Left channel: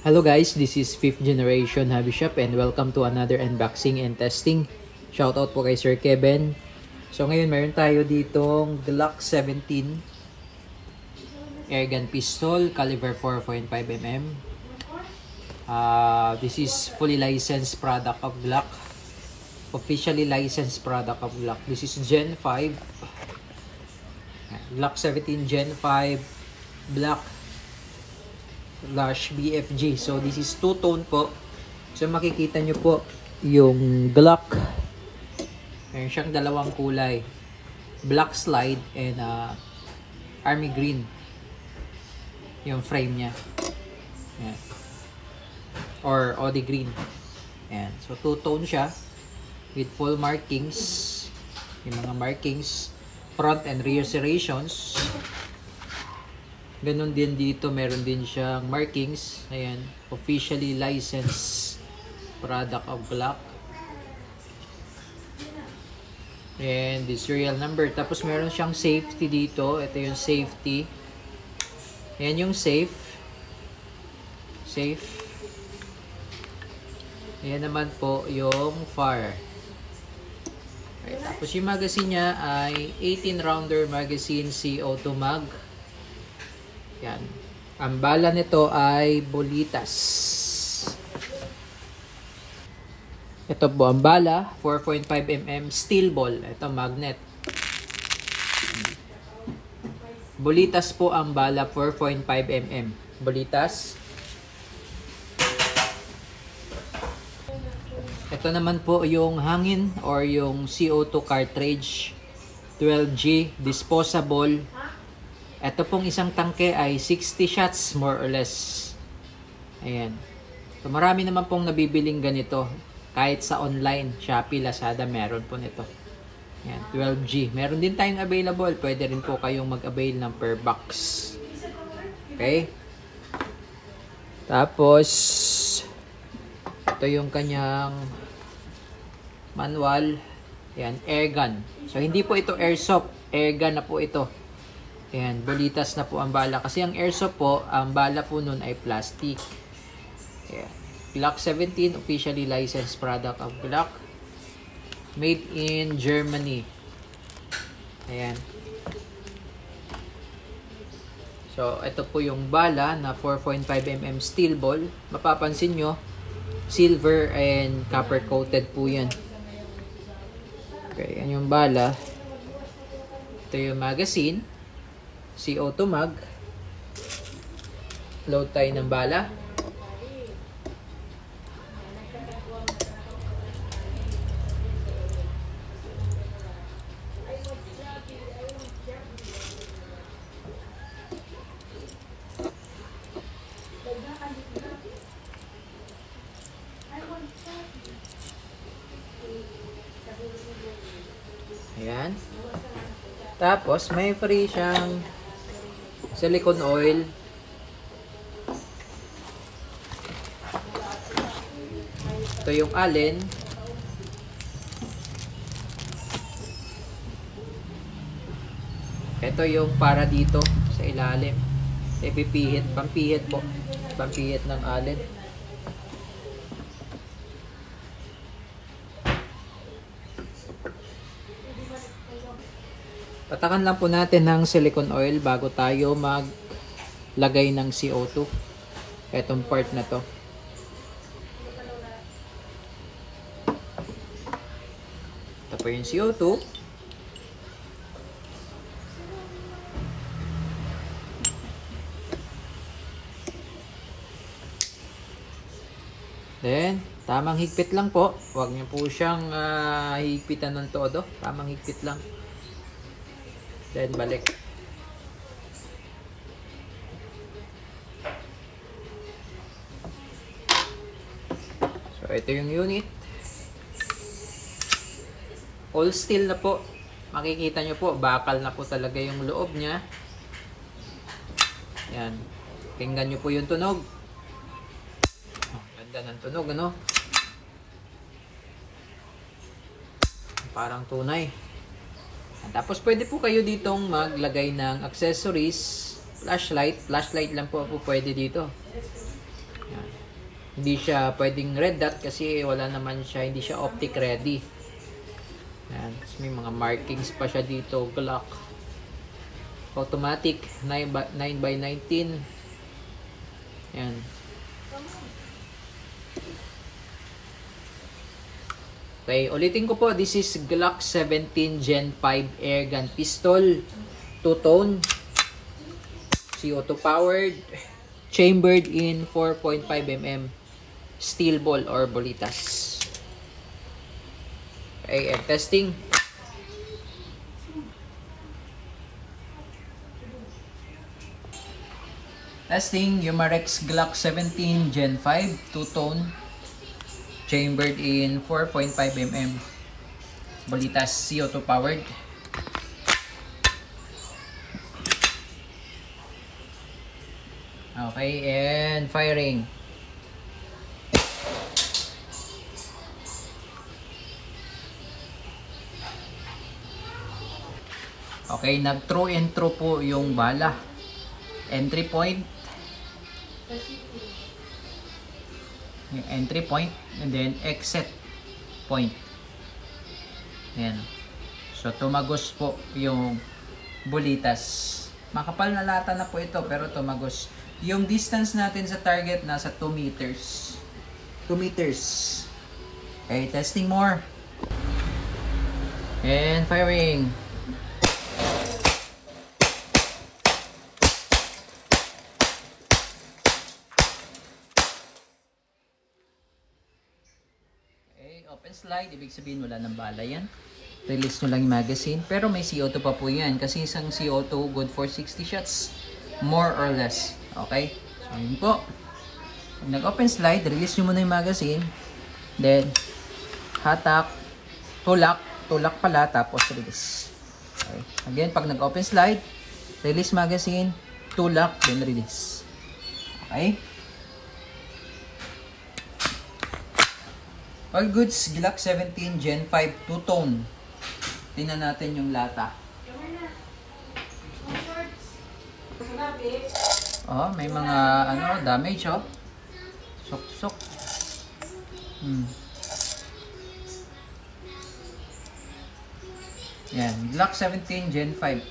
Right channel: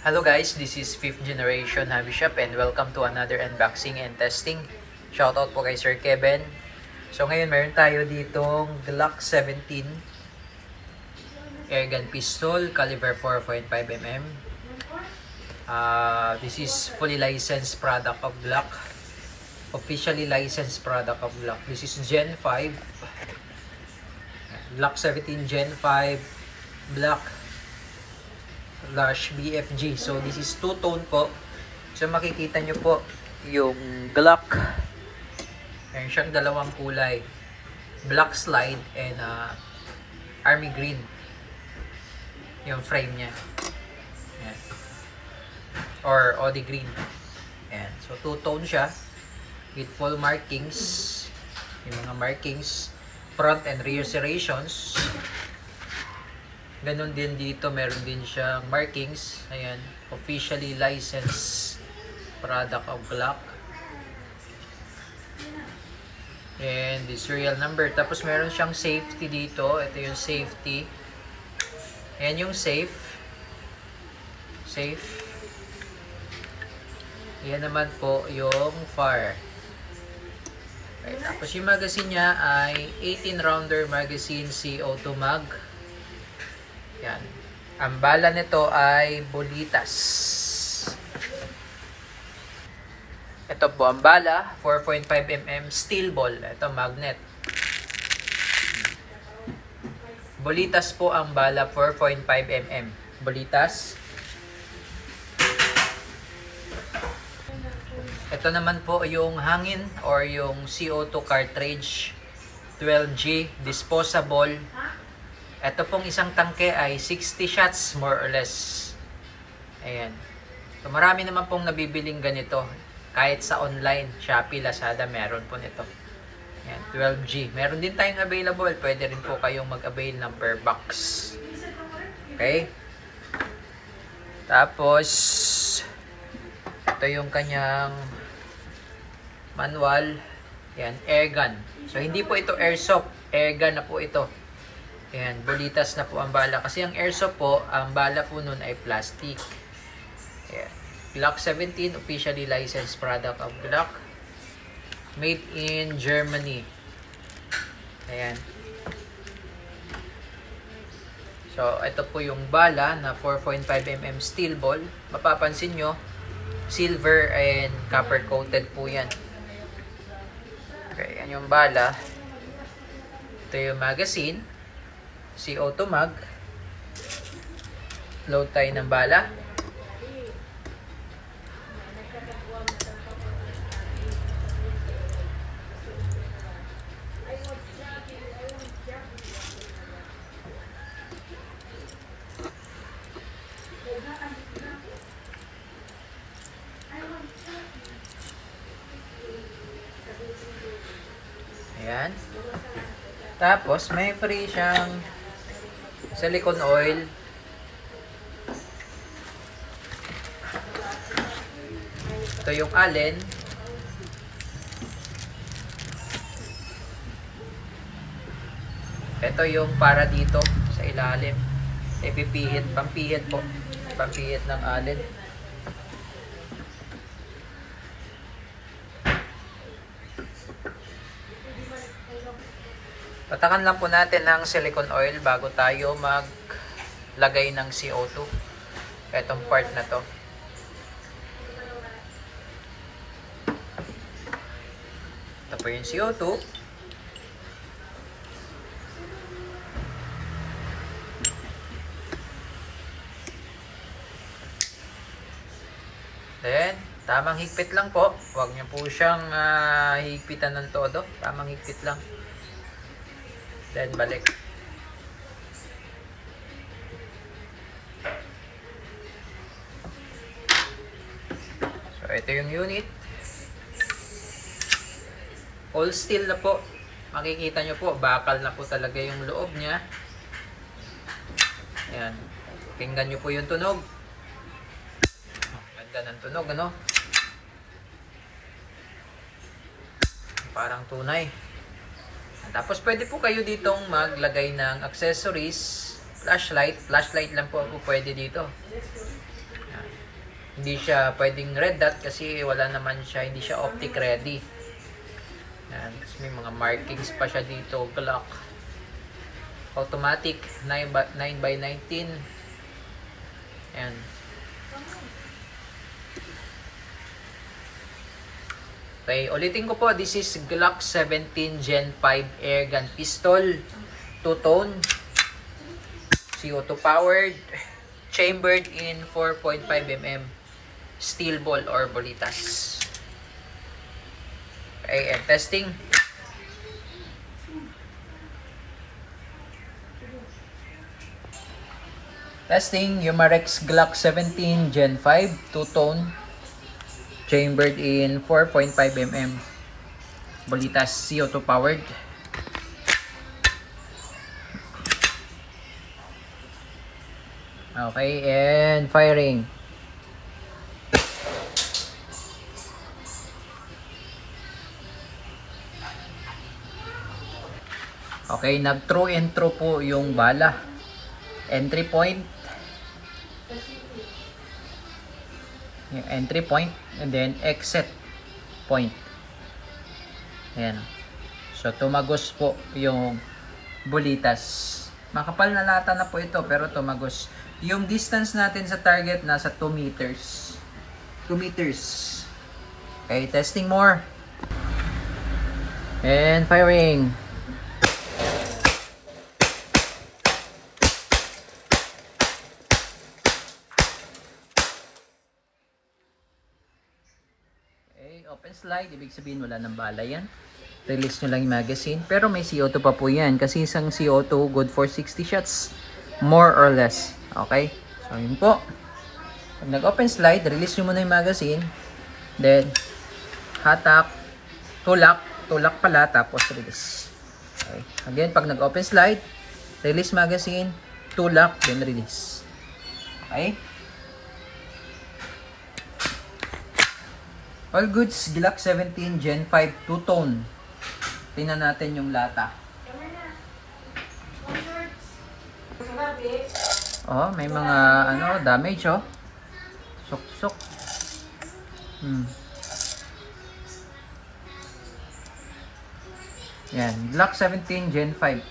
Hello guys, this is 5th generation Hobby Shop and welcome to another unboxing and testing. Shoutout po kay Sir Kevin. So ngayon meron tayo ditong Glock 17 Airgun Pistol caliber 4.5mm. This is fully licensed product of Glock. Officially licensed product of Glock. This is Gen 5. Glock 17 Gen 5 Black / BFG. So this is two-tone po. So makikita nyo po yung Glock. Meron siyang dalawang kulay. Black slide and army green. Yung frame niya. Ayan. Or OD green. Ayan. So two-tone siya. With full markings. Yung mga markings. Front and rear serrations. Ganun din dito, meron din siyang markings. Ayan, officially licensed product of Glock. And the serial number. Tapos meron siyang safety dito. Ito yung safety. Ayan yung safe. Safe. Ayan naman po yung fire. Okay, tapos yung magazine niya ay 18 rounder magazine CO2 mag. Yan. Ang bala nito ay bolitas. Ito po ang bala, 4.5mm steel ball. Ito magnet. Bolitas po ang bala, 4.5mm. Bolitas. Ito naman po yung hangin or yung CO2 cartridge, 12G disposable. Ito pong isang tangke ay 60 shots more or less. Ayan. So marami naman pong nabibiling ganito. Kahit sa online, Shopee, Lazada, meron po nito. Ayan, 12G. Meron din tayong available. Pwede rin po kayong mag-avail ng per box. Okay? Tapos, ito yung kanyang manual. Ayan, airgun. So hindi po ito airsoft. Airgun na po ito. Ayan, bolitas na po ang bala. Kasi ang airsoft po, ang bala po nun ay plastic. Ayan. Glock 17, officially licensed product of Glock. Made in Germany. Ayan. So, ito po yung bala na 4.5mm steel ball. Mapapansin nyo, silver and copper coated po yan. Okay, yan yung bala. Ito yung magazine. CO2 mag. Load tayo ng bala. Ayan. Tapos may free siyang silicone oil. Ito yung allen. Ito yung para dito sa ilalim. Ipipihit, pampihit po. Pampihit ng allen. Patakan lang po natin ng silicone oil bago tayo maglagay ng CO2. Itong part na to. Ito po yung CO2. Then, tamang higpit lang po. Huwag niyo po siyang higpitan ng todo. Tamang higpit lang. Then balik. So ito yung unit. All steel na po. Makikita nyo po, bakal na po talaga yung loob niya. Ayan. Tingnan nyo po yung tunog. Ganda ng tunog, ano? Parang tunay. Tapos pwede po kayo ditong maglagay ng accessories, flashlight lang po pwede dito. Yan. Hindi siya pwedeng red dot kasi wala naman siya, hindi siya optic ready. Yan. Tapos may mga markings pa siya dito. Glock. Automatic 9x19. Yan. Okay, ulitin ko po, this is Glock 17 Gen 5 Airgun Pistol, two-tone, CO2 powered, chambered in 4.5mm steel ball or bolitas. Okay, and testing. Testing, Umarex Glock 17 Gen 5 two-tone, chambered in 4.5mm bolitas, CO2 powered. Okay, and firing. Okay, nag through and through po yung bala. Entry point, yung entry point, and then exit point. Ayan. So, tumagos po yung bolitas. Makapal na lata na po ito, pero tumagos. Yung distance natin sa target, nasa 2 meters. 2 meters. Okay, testing more. And firing. Open slide, ibig sabihin wala ng bala yan. Release nyo lang yung magazine. Pero may CO2 pa po yan. Kasi isang CO2 good for 60 shots. More or less. Okay? So yun po. Pag nag-open slide, release nyo muna yung magazine. Then, hatak, tulak. Tulak pala, tapos release. Okay? Again, pag nag-open slide, release magazine, tulak, then release. Okay? All goods, Glock 17 Gen 5 two-tone. Tingnan natin yung lata. Oh, may mga damage oh. Sok-sok. Yan, Glock 17 Gen 5